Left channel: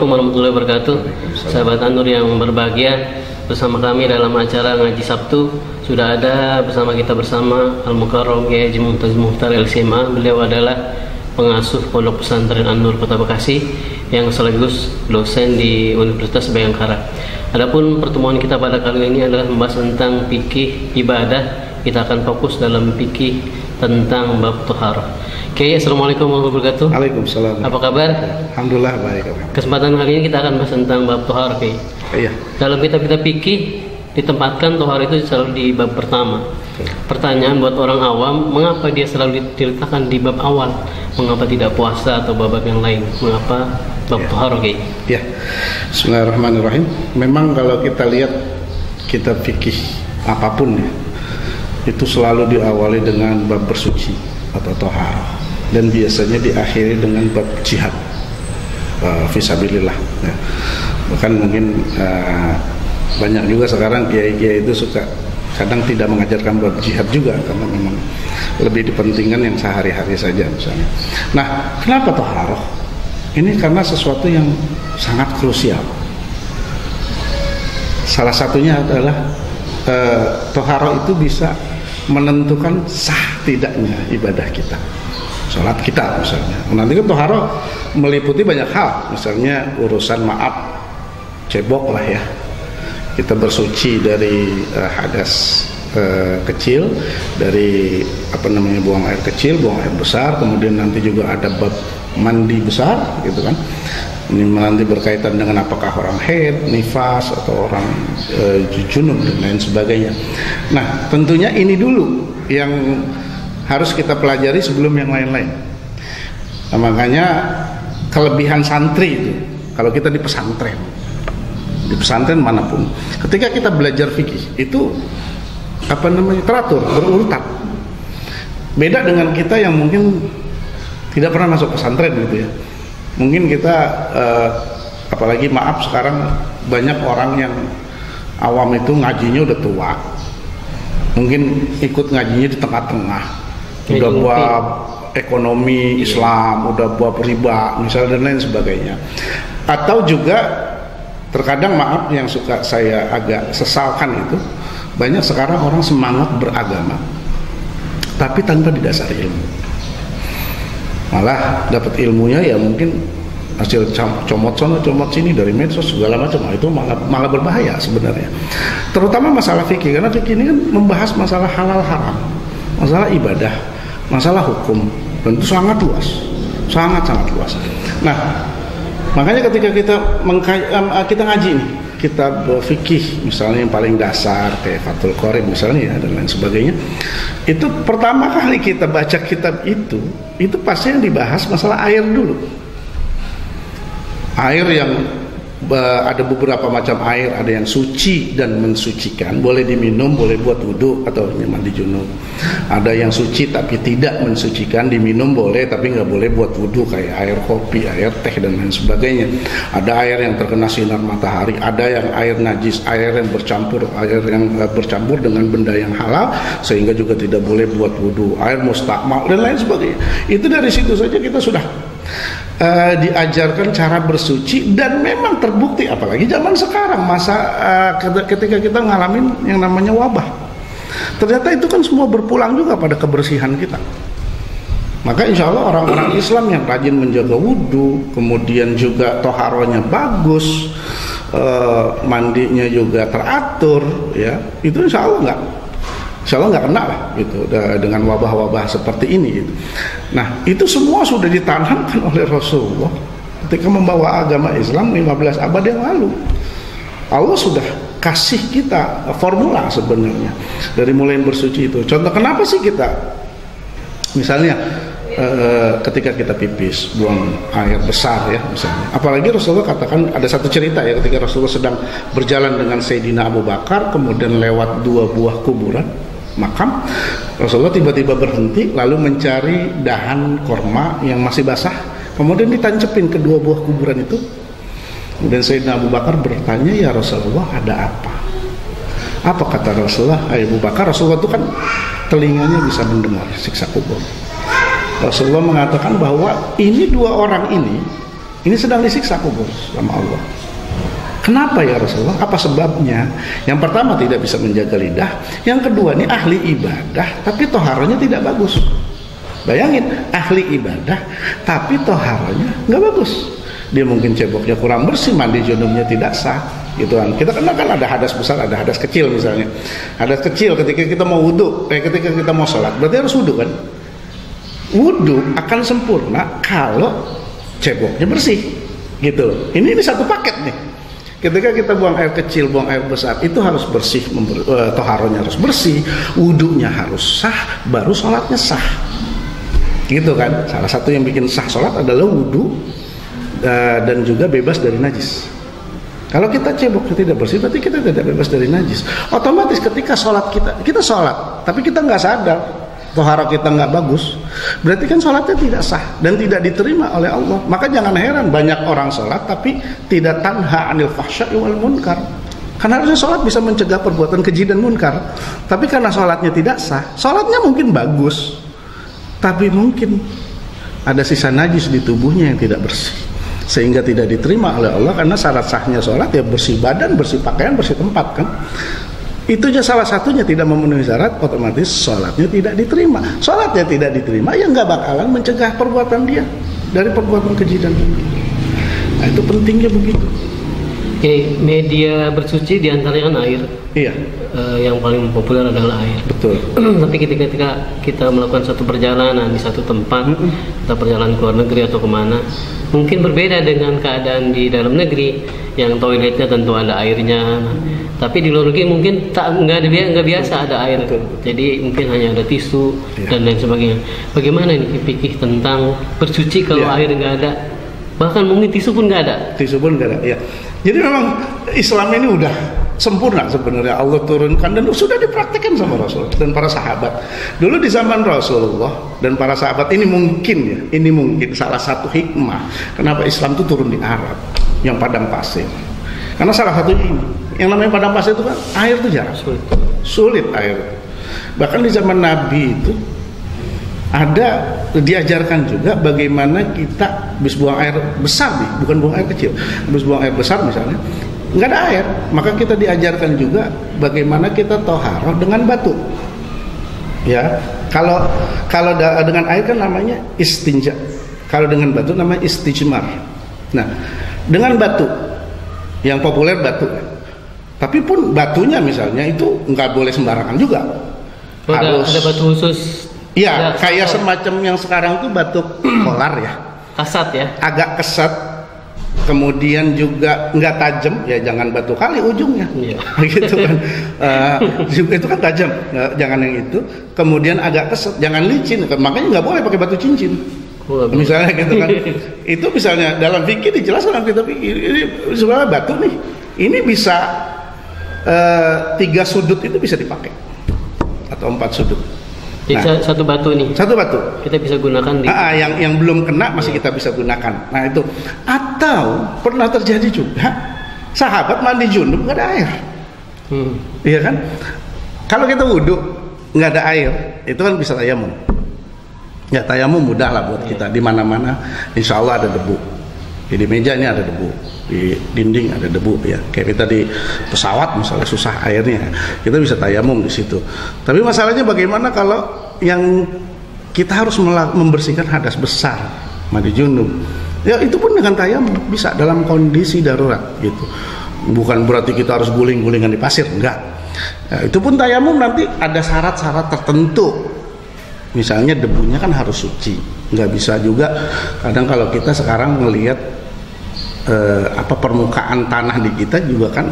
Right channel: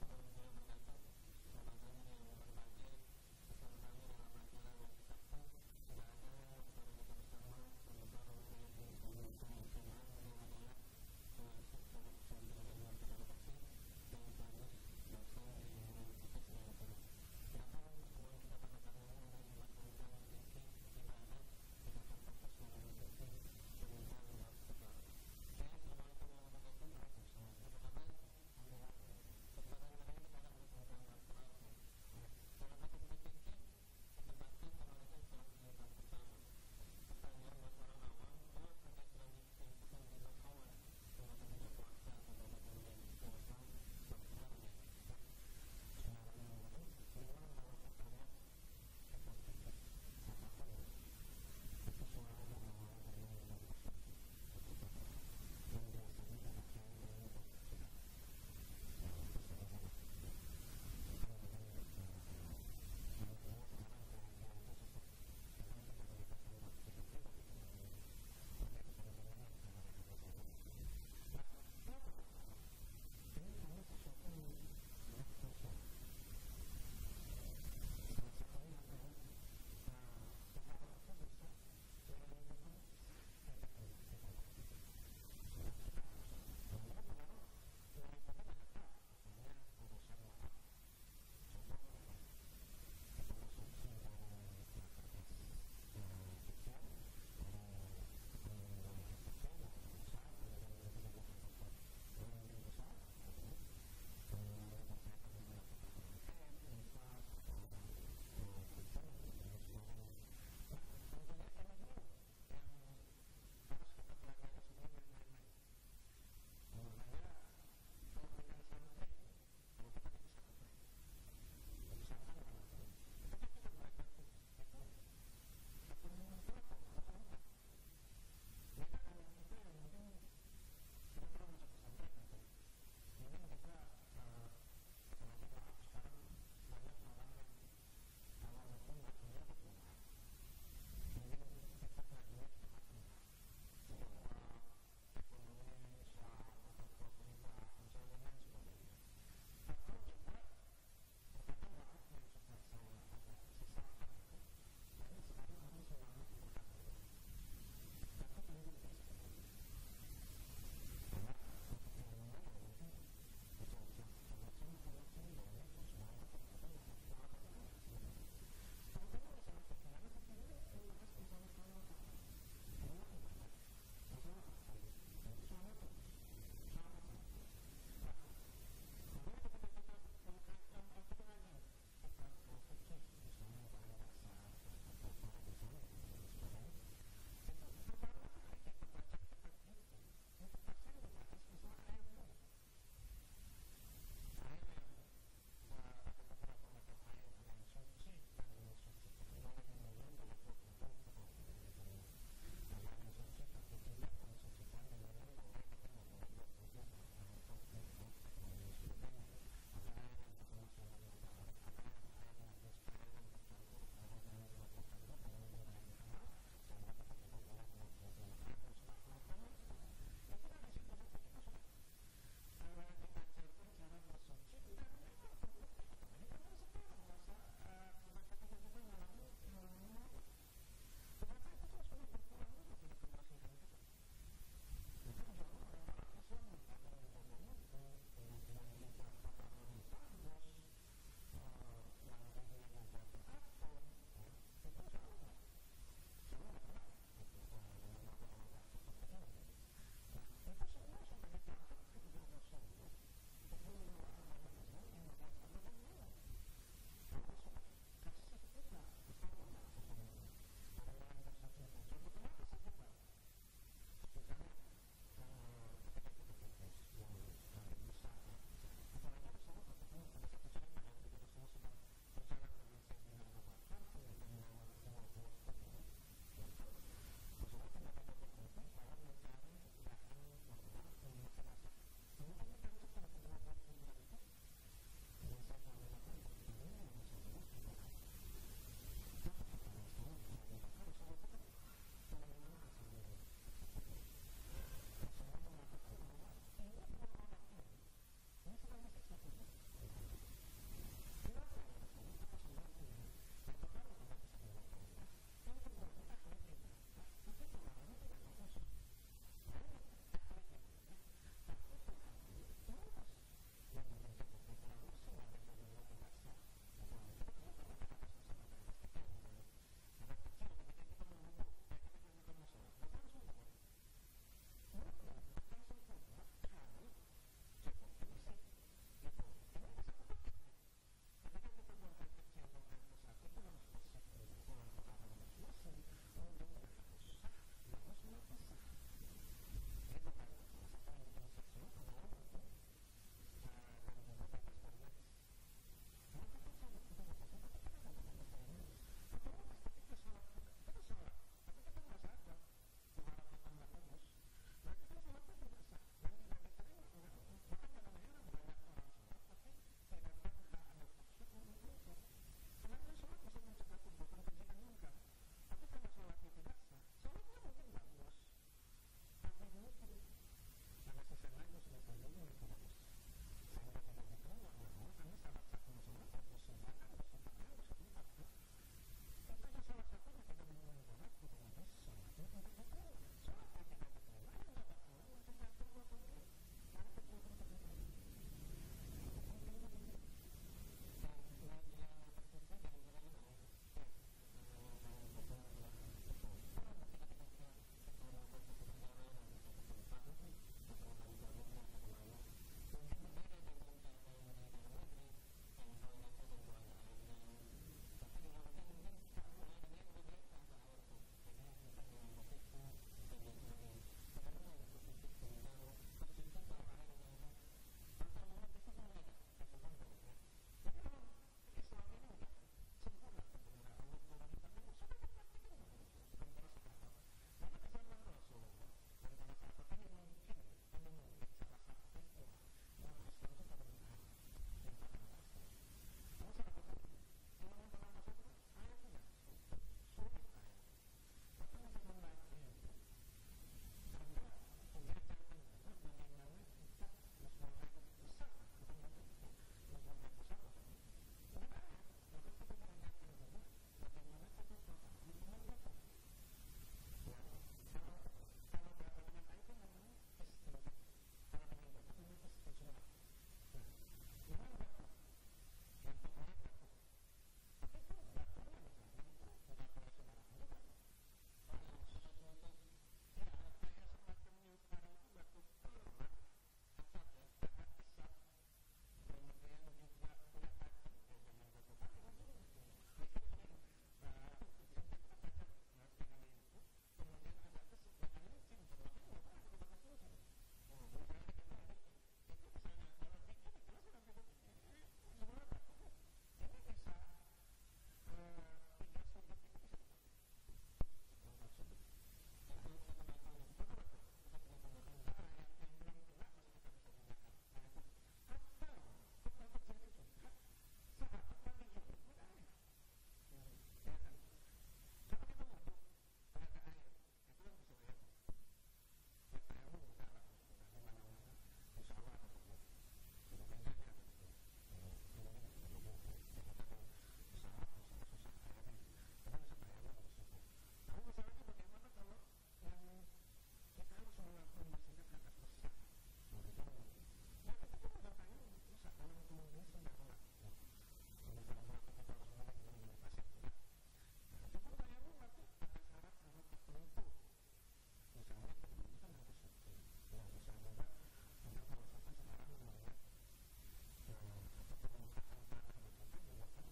Assalamualaikum warahmatullahi wabarakatuh. Sahabat An-Nur yang berbahagia, bersama kami dalam acara Ngaji Sabtu sudah ada bersama kita bersama Al-Mukarram Kiai Haji Mumtaz Mukhtar LCMA. Beliau adalah pengasuh Pondok Pesantren An-Nur Kota Bekasi yang sekaligus dosen di Universitas Bhayangkara. Adapun pertemuan kita pada kali ini adalah membahas tentang fikih ibadah. Kita akan fokus dalam fikih tentang bab thaharah. Oke, Assalamualaikum warahmatullahi wabarakatuh. Waalaikumsalam. Apa kabar? Alhamdulillah baik. Kesempatan kali ini kita akan bahas tentang bab thaharah. Iya. Dalam kitab-kitab fikih ditempatkan thaharah itu selalu di bab pertama. Pertanyaan buat orang awam, mengapa dia selalu diletakkan di bab awal? Mengapa tidak puasa atau bab yang lain? Mengapa bab thaharah? Ya. Bismillahirrahmanirrahim. Memang kalau kita lihat kitab fikih apapun ya, itu selalu diawali dengan bab bersuci atau thaharah, dan biasanya diakhiri dengan bab jihad fisabilillah ya. Bahkan mungkin banyak juga sekarang kiai-kiai itu suka kadang tidak mengajarkan bab jihad juga, karena memang lebih dipentingkan yang sehari-hari saja misalnya. Nah, kenapa thaharah? Ini karena sesuatu yang sangat krusial. Salah satunya adalah thaharah itu bisa menentukan sah tidaknya ibadah kita, sholat kita misalnya. Nanti kan thaharah meliputi banyak hal, misalnya urusan maaf cebok lah ya, kita bersuci dari hadas kecil, dari buang air kecil, buang air besar, kemudian nanti juga ada bab mandi besar gitu kan. Ini nanti berkaitan dengan apakah orang haid, nifas, atau orang junub dan lain sebagainya. Nah, tentunya ini dulu yang harus kita pelajari sebelum yang lain-lain. Nah, makanya kelebihan santri itu, kalau kita di pesantren manapun, ketika kita belajar fikih itu teratur, berurutan. Beda dengan kita yang mungkin tidak pernah masuk pesantren gitu ya. Mungkin kita apalagi maaf sekarang banyak orang yang awam itu ngajinya udah tua, mungkin ikut ngajinya di tengah-tengah, udah bab ekonomi Islam, udah bab riba misalnya dan lain sebagainya. Atau juga terkadang maaf yang suka saya agak sesalkan itu, banyak sekarang orang semangat beragama tapi tanpa didasari ilmu. Malah dapat ilmunya ya mungkin hasil comot sana comot sini dari medsos segala macam. Itu malah berbahaya sebenarnya, terutama masalah fikih, karena fikih ini kan membahas masalah halal haram, masalah ibadah, masalah hukum, dan itu sangat luas, sangat luas. Nah, makanya ketika kita ngaji nih kitab fikih misalnya yang paling dasar kayak Fathul Qorib misalnya ya, dan lain sebagainya, itu pertama kali kita baca kitab itu pasti yang dibahas masalah air dulu. Air yang ada beberapa macam air, ada yang suci dan mensucikan, boleh diminum, boleh buat wudhu atau mandi junub. Ada yang suci tapi tidak mensucikan, diminum boleh tapi nggak boleh buat wudhu, kayak air kopi, air teh dan lain sebagainya. Ada air yang terkena sinar matahari, ada yang air najis, air yang bercampur dengan benda yang halal sehingga juga tidak boleh buat wudhu, air mustakmal dan lain sebagainya. Itu dari situ saja kita sudah diajarkan cara bersuci, dan memang terbukti apalagi zaman sekarang ketika kita ngalamin yang namanya wabah, ternyata itu kan semua berpulang juga pada kebersihan kita. Maka insya Allah orang-orang Islam yang rajin menjaga wudhu, kemudian juga toharohnya bagus, mandinya juga teratur ya, itu insya Allah nggak kena lah gitu dengan wabah-wabah seperti ini gitu. Nah, itu semua sudah ditanamkan oleh Rasulullah ketika membawa agama Islam 15 abad yang lalu. Allah sudah kasih kita formula sebenarnya dari mulai bersuci itu. Contoh kenapa sih kita misalnya ketika kita pipis buang air besar ya misalnya. Apalagi Rasulullah katakan, ada satu cerita ya, ketika Rasulullah sedang berjalan dengan Sayyidina Abu Bakar, kemudian lewat 2 buah kuburan makam, Rasulullah tiba-tiba berhenti lalu mencari dahan korma yang masih basah, kemudian ditancepin ke 2 buah kuburan itu. Kemudian Sayyidina Abu Bakar bertanya, ya Rasulullah, ada apa? Apa kata Rasulullah? Abu Bakar, Rasulullah itu kan telinganya bisa mendengar siksa kubur. Rasulullah mengatakan bahwa ini 2 orang ini Ini sedang disiksa kubur sama Allah. Kenapa ya Rasulullah? Apa sebabnya? Yang pertama tidak bisa menjaga lidah. Yang kedua ini ahli ibadah tapi toharonya tidak bagus. Bayangin, ahli ibadah tapi toharonya nggak bagus. Dia mungkin ceboknya kurang bersih, mandi junubnya tidak sah, gitu kan. Kita kenal kan ada hadas besar, ada hadas kecil misalnya. Hadas kecil ketika kita mau wudhu, ketika kita mau sholat, berarti harus wudhu kan. Wudhu akan sempurna kalau ceboknya bersih, gitu loh. Ini satu paket nih. Ketika kita buang air kecil, buang air besar, itu harus bersih, toharonya harus bersih, wudhunya harus sah, baru sholatnya sah. Gitu kan. Salah satu yang bikin sah sholat adalah wudhu dan juga bebas dari najis. Kalau kita ceboknya tidak bersih, berarti kita tidak bebas dari najis. Otomatis ketika sholat kita sholat, tapi kita nggak sadar, tohara kita nggak bagus, berarti kan sholatnya tidak sah dan tidak diterima oleh Allah. Maka jangan heran banyak orang sholat tapi tidak tanha anil fahsya'i wal munkar. Karena harusnya sholat bisa mencegah perbuatan keji dan munkar. Tapi karena sholatnya tidak sah, sholatnya mungkin bagus, tapi mungkin ada sisa najis di tubuhnya yang tidak bersih, sehingga tidak diterima oleh Allah. Karena syarat sahnya sholat ya bersih badan, bersih pakaian, bersih tempat kan. Itu aja salah satunya tidak memenuhi syarat, otomatis sholatnya tidak diterima. Sholatnya tidak diterima, ya nggak bakalan mencegah perbuatan dia dari perbuatan keji dan munkar. Nah itu pentingnya begitu. Oke, media bersuci diantaranya kan air. Iya. Yang paling populer adalah air. Betul. Tapi ketika kita melakukan satu perjalanan di satu tempat, kita perjalanan ke luar negeri atau kemana, mungkin berbeda dengan keadaan di dalam negeri yang toiletnya tentu ada airnya. Tapi di luar negeri mungkin nggak biasa ada air. Betul. Jadi mungkin hanya ada tisu dan lain sebagainya. Bagaimana nih fikih tentang bersuci kalau air nggak ada? Bahkan mungkin tisu pun nggak ada. Tisu pun nggak ada. Ya. Jadi memang Islam ini udah sempurna sebenarnya, Allah turunkan dan sudah dipraktikkan sama Rasul dan para sahabat. Dulu di zaman Rasulullah dan para sahabat ini mungkin salah satu hikmah kenapa Islam itu turun di Arab yang padang pasir. Karena salah satunya ini, yang namanya padang pasir itu kan air itu jarang, sulit air. Bahkan di zaman Nabi itu diajarkan juga bagaimana kita habis buang air besar nih, bukan buang air kecil, habis buang air besar misalnya, nggak ada air, maka kita diajarkan juga bagaimana kita toharoh dengan batu. Ya, kalau dengan air kan namanya istinja, kalau dengan batu namanya istijmar. Nah, dengan batu yang populer batu, tapi pun batunya misalnya itu nggak boleh sembarangan juga. Harus ada batu khusus. Iya, kayak semacam yang sekarang tuh batu kolar ya. Kasat ya. Agak kesat. Kemudian juga nggak tajam, ya jangan batu kali ujungnya. Iya. Gitu kan. Itu kan tajam, jangan yang itu. Kemudian agak kesat, jangan licin. Makanya nggak boleh pakai batu cincin. Misalnya gitu kan. Itu misalnya dalam fikih dijelaskan kita pikir ini sebenarnya batu nih. Ini bisa 3 sudut itu bisa dipakai atau 4 sudut. Jadi satu batu nih. Satu batu. Kita bisa gunakan di. Yang belum kena masih kita bisa gunakan. Nah itu. Atau pernah terjadi juga sahabat mandi junub nggak ada air. Iya kan? Kalau kita wudhu nggak ada air, itu kan bisa tayamum. Ya tayamum mudah lah buat kita. Di mana-mana, insya Allah ada debu. Di meja ini ada debu, di dinding ada debu ya. Kayak kita di pesawat misalnya susah airnya, kita bisa tayamum di situ. Tapi masalahnya bagaimana kalau yang kita harus membersihkan hadas besar, mandi junub. Ya itu pun dengan tayamum bisa dalam kondisi darurat gitu. Bukan berarti kita harus guling-gulingan di pasir, enggak. Ya, itu pun tayamum nanti ada syarat-syarat tertentu. Misalnya debunya kan harus suci, nggak bisa juga. Kadang kalau kita sekarang melihat permukaan tanah di kita juga kan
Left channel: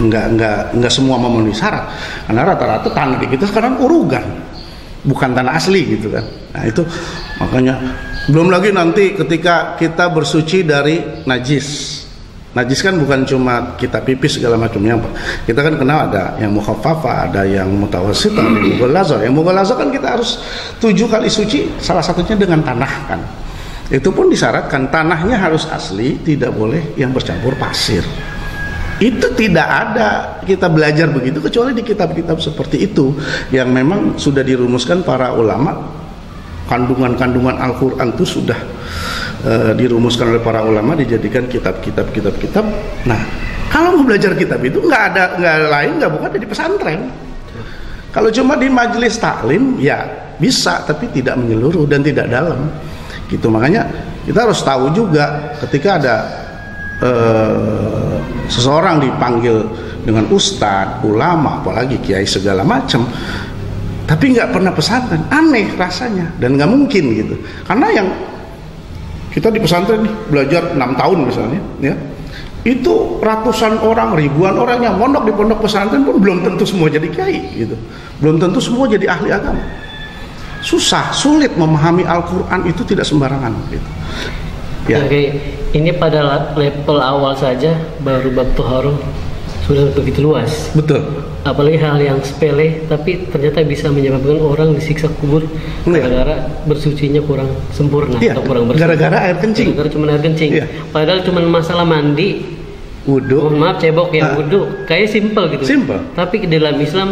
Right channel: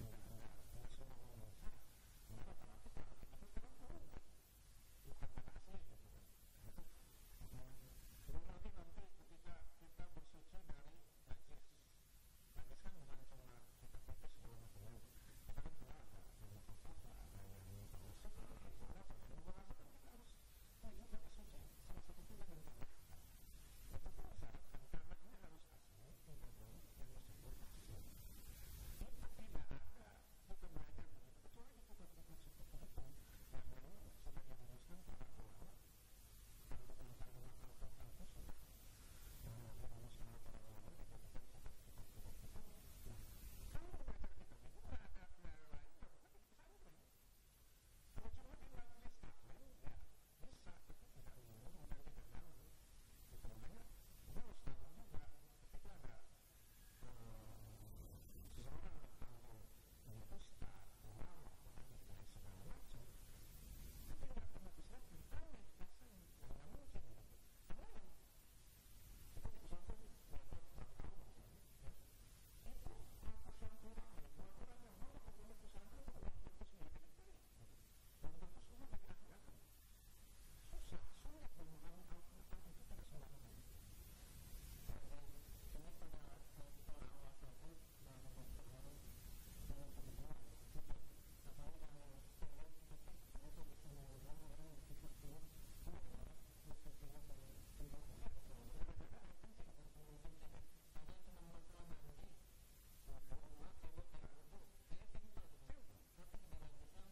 nggak semua memenuhi syarat. Karena rata-rata tanah di kita sekarang urugan, bukan tanah asli gitu kan. Nah itu makanya belum lagi nanti ketika kita bersuci dari najis. Najis kan bukan cuma kita pipis segala macamnya. Kita kan kenal ada yang mukhaffafah, ada yang mutawassithah, ada yang mughalazah. Yang mughalazah kan kita harus 7 kali suci, salah satunya dengan tanah kan. Itu pun disyaratkan tanahnya harus asli, tidak boleh yang bercampur pasir. Itu tidak ada kita belajar begitu kecuali di kitab-kitab seperti itu yang memang sudah dirumuskan para ulama. Kandungan-kandungan Al-Quran itu sudah dirumuskan oleh para ulama, dijadikan kitab. Nah, kalau mau belajar kitab itu nggak ada lain, nggak bukan di pesantren. Kalau cuma di majelis taklim ya bisa, tapi tidak menyeluruh dan tidak dalam. Gitu, makanya kita harus tahu juga ketika ada seseorang dipanggil dengan ustadz, ulama, apalagi kiai segala macam, tapi nggak pernah pesantren, aneh rasanya dan nggak mungkin gitu. Karena yang kita di pesantren nih belajar 6 tahun misalnya, ya itu ratusan orang, ribuan orang yang mondok di pondok pesantren pun belum tentu semua jadi kiai gitu, belum tentu semua jadi ahli agama. Susah, sulit memahami Al-Quran itu tidak sembarangan gitu. Ya. Oke, ini pada level awal saja baru bab toharoh sudah begitu luas. Betul. Apalagi hal yang sepele tapi ternyata bisa menyebabkan orang disiksa kubur gara-gara bersucinya kurang sempurna atau kurang bersih. Gara-gara air kencing. Gara-gara cuma air kencing. Padahal cuma masalah mandi, wudu. Mohon maaf cebok ya, wudu. Kayaknya simpel gitu. Simpel. Tapi di dalam Islam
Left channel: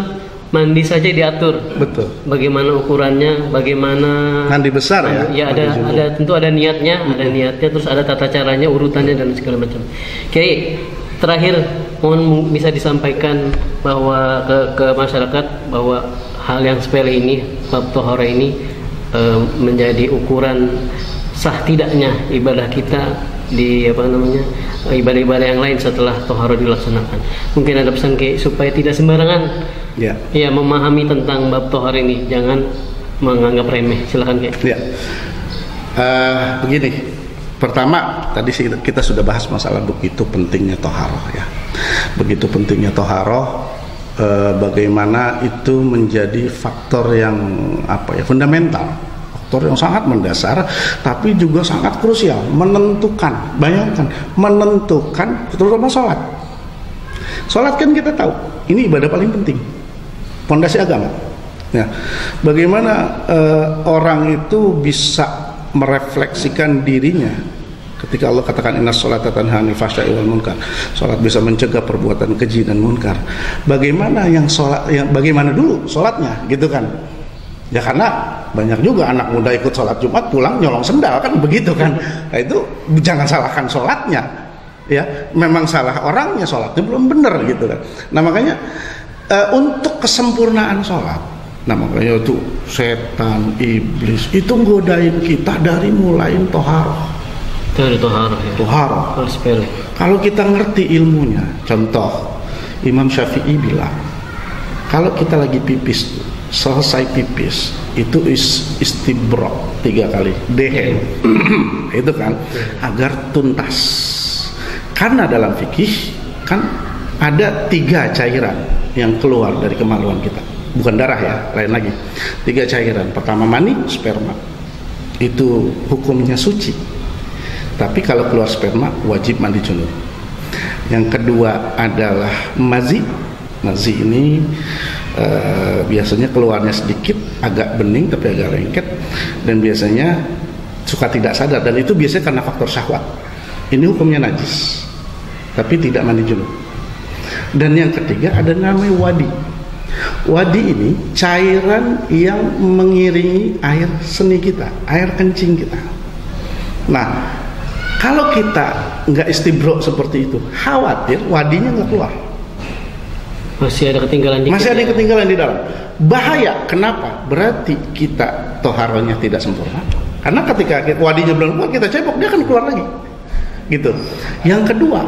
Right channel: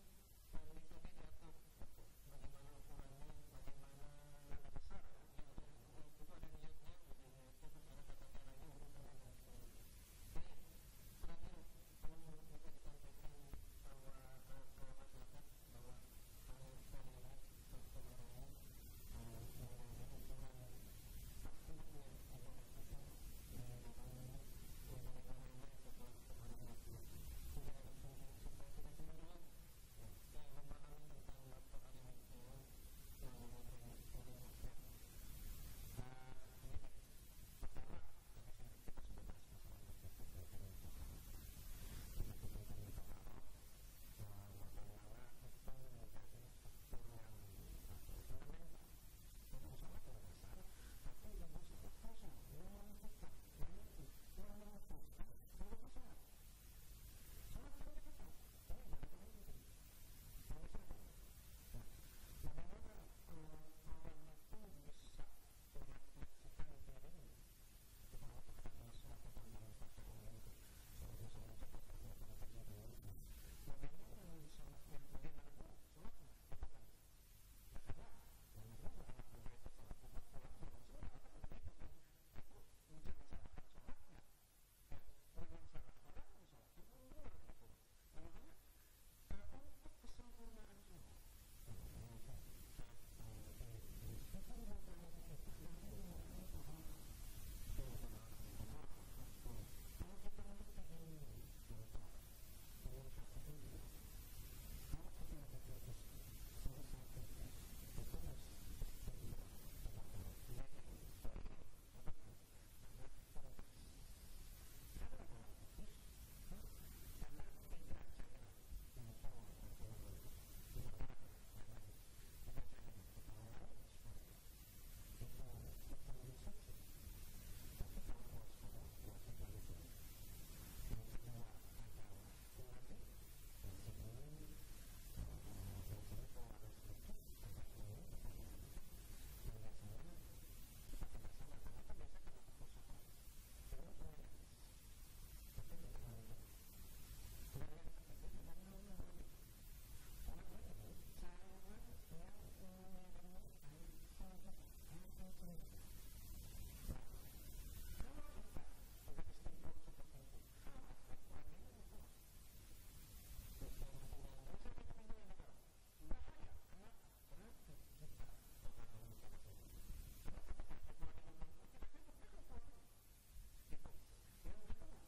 mandi saja diatur. Betul. Bagaimana ukurannya, bagaimana mandi besar ya. Ya ada tentu ada niatnya, terus ada tata caranya, urutannya dan segala macam. Oke, terakhir mohon bisa disampaikan bahwa ke masyarakat bahwa hal yang sepele ini, bab tohara ini menjadi ukuran sah tidaknya ibadah kita di ibadah-ibadah yang lain setelah tohara dilaksanakan. Mungkin ada pesan supaya tidak sembarangan ya memahami tentang bab tohara ini, jangan menganggap remeh. Silakan ya. Begini, pertama tadi kita sudah bahas masalah begitu pentingnya toharoh ya, begitu pentingnya toharoh, bagaimana itu menjadi faktor yang fundamental, faktor yang sangat mendasar, tapi juga sangat krusial, menentukan. Bayangkan, menentukan terutama sholat. Sholat kan kita tahu ini ibadah paling penting, pondasi agama. Ya, bagaimana orang itu bisa merefleksikan dirinya ketika Allah katakan inna sholata tanha 'anil fahsya'i wal munkar. Salat bisa mencegah perbuatan keji dan munkar. Bagaimana bagaimana dulu salatnya gitu kan? Ya karena banyak juga anak muda ikut salat Jumat pulang nyolong sendal kan begitu kan. Nah, itu jangan salahkan salatnya. Ya, memang salah orangnya, salatnya belum benar gitu kan. Nah, makanya untuk kesempurnaan salat, nah makanya itu setan, iblis itu nggodain kita dari mulain toharoh. Dari toharoh ya. Toharoh. Kalau kita ngerti ilmunya, contoh Imam Syafi'i bilang, kalau kita lagi pipis, selesai pipis itu istibra 3 kali, dehem, itu kan agar tuntas. Karena dalam fikih kan ada 3 cairan yang keluar dari kemaluan kita. Bukan darah ya, lain lagi. 3 cairan. Pertama mani, sperma. Itu hukumnya suci. Tapi kalau keluar sperma wajib mandi junub. Yang kedua adalah mazi. Mazi ini biasanya keluarnya sedikit, agak bening tapi agak lengket, dan biasanya suka tidak sadar, dan itu biasanya karena faktor syahwat. Ini hukumnya najis, tapi tidak mandi junub. Dan yang ketiga ada namanya wadi. Wadi ini cairan yang mengiringi air seni kita, air kencing kita. Nah, kalau kita nggak istibro seperti itu, khawatir wadinya nggak keluar. Masih ada ketinggalan dikit. Masih ada yang ketinggalan di dalam. Bahaya. Kenapa? Berarti kita toharohnya tidak sempurna. Karena ketika wadinya belum keluar, kita cebok, dia akan keluar lagi. Gitu. Yang kedua,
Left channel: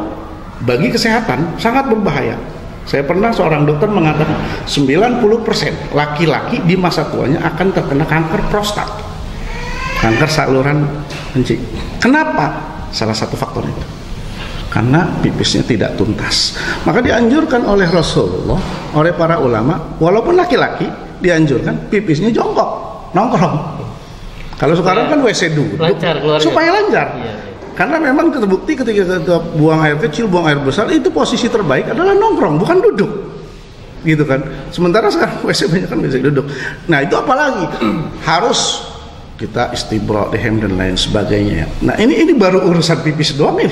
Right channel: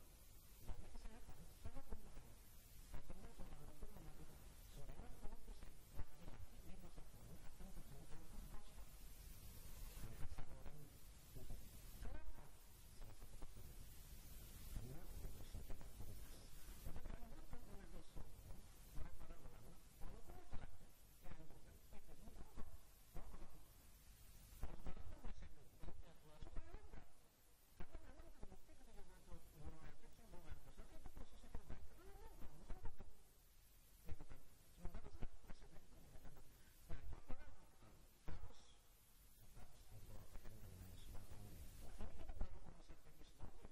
bagi kesehatan sangat berbahaya. Saya pernah seorang dokter mengatakan 90% laki-laki di masa tuanya akan terkena kanker prostat, kanker saluran kencing. Kenapa? Salah satu faktor itu karena pipisnya tidak tuntas. Maka dianjurkan oleh Rasulullah, oleh para ulama, walaupun laki-laki dianjurkan pipisnya jongkok, nongkrong. Kalau sekarang kan WC duduk supaya lancar. Iya. Karena memang terbukti ketika kita buang air kecil, buang air besar, itu posisi terbaik adalah nongkrong, bukan duduk. Gitu kan. Sementara sekarang WC banyak kan WC duduk. Nah, itu apalagi harus kita istibra, dehem dan lain sebagainya. Nah, ini baru urusan pipis doang nih,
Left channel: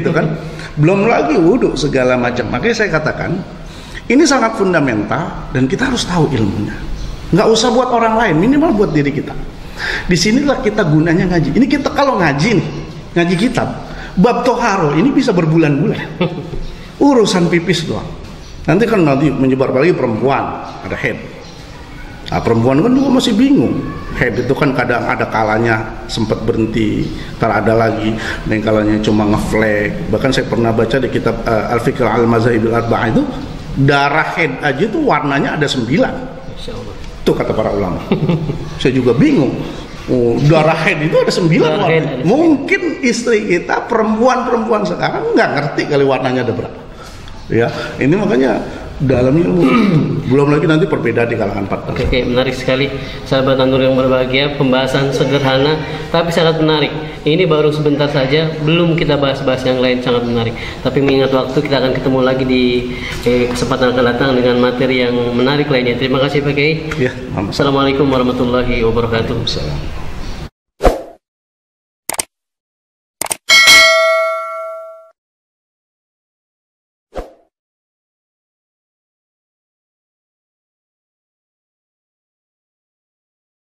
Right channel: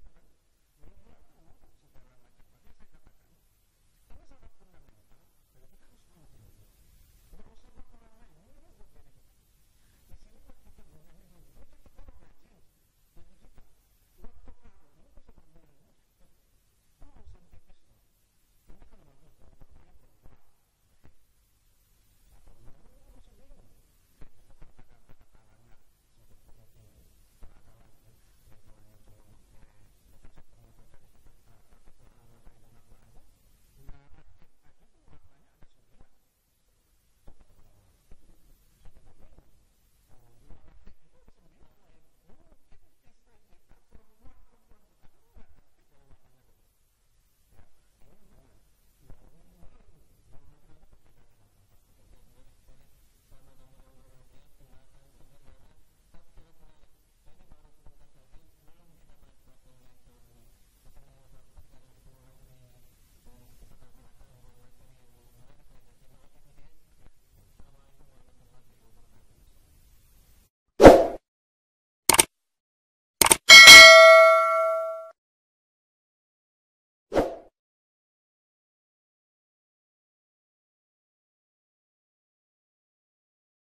gitu kan. Belum lagi wudhu segala macam. Makanya saya katakan ini sangat fundamental dan kita harus tahu ilmunya. Nggak usah buat orang lain, minimal buat diri kita. Disinilah kita gunanya ngaji. Ini kita kalau ngaji nih, ngaji kitab. Bab toharo ini bisa berbulan-bulan. Urusan pipis doang. Nanti menyebar lagi perempuan, ada head. Nah, perempuan kan juga masih bingung. Head itu kan kadang ada kalanya sempat berhenti, ntar ada lagi, dan kalanya cuma ngeflag. Bahkan saya pernah baca di kitab Al-Fiqh Al-Mazhabil Arba'ah itu, darah head aja itu warnanya ada 9. Itu kata para ulama. Saya juga bingung. Darah head itu ada 9 warna. Mungkin istri kita perempuan sekarang nggak ngerti kali warnanya ada berapa. Ya, ini makanya dalam ilmu belum lagi nanti perbedaan di kalangan 4. Oke, menarik sekali sahabat An-Nur yang berbahagia, pembahasan sederhana tapi sangat menarik. Ini baru sebentar saja, belum kita bahas-bahas yang lain, sangat menarik. Tapi mengingat waktu, kita akan ketemu lagi di kesempatan akan datang dengan materi yang menarik lainnya. Terima kasih Pak Kiai. Ya, Assalamualaikum warahmatullahi wabarakatuh.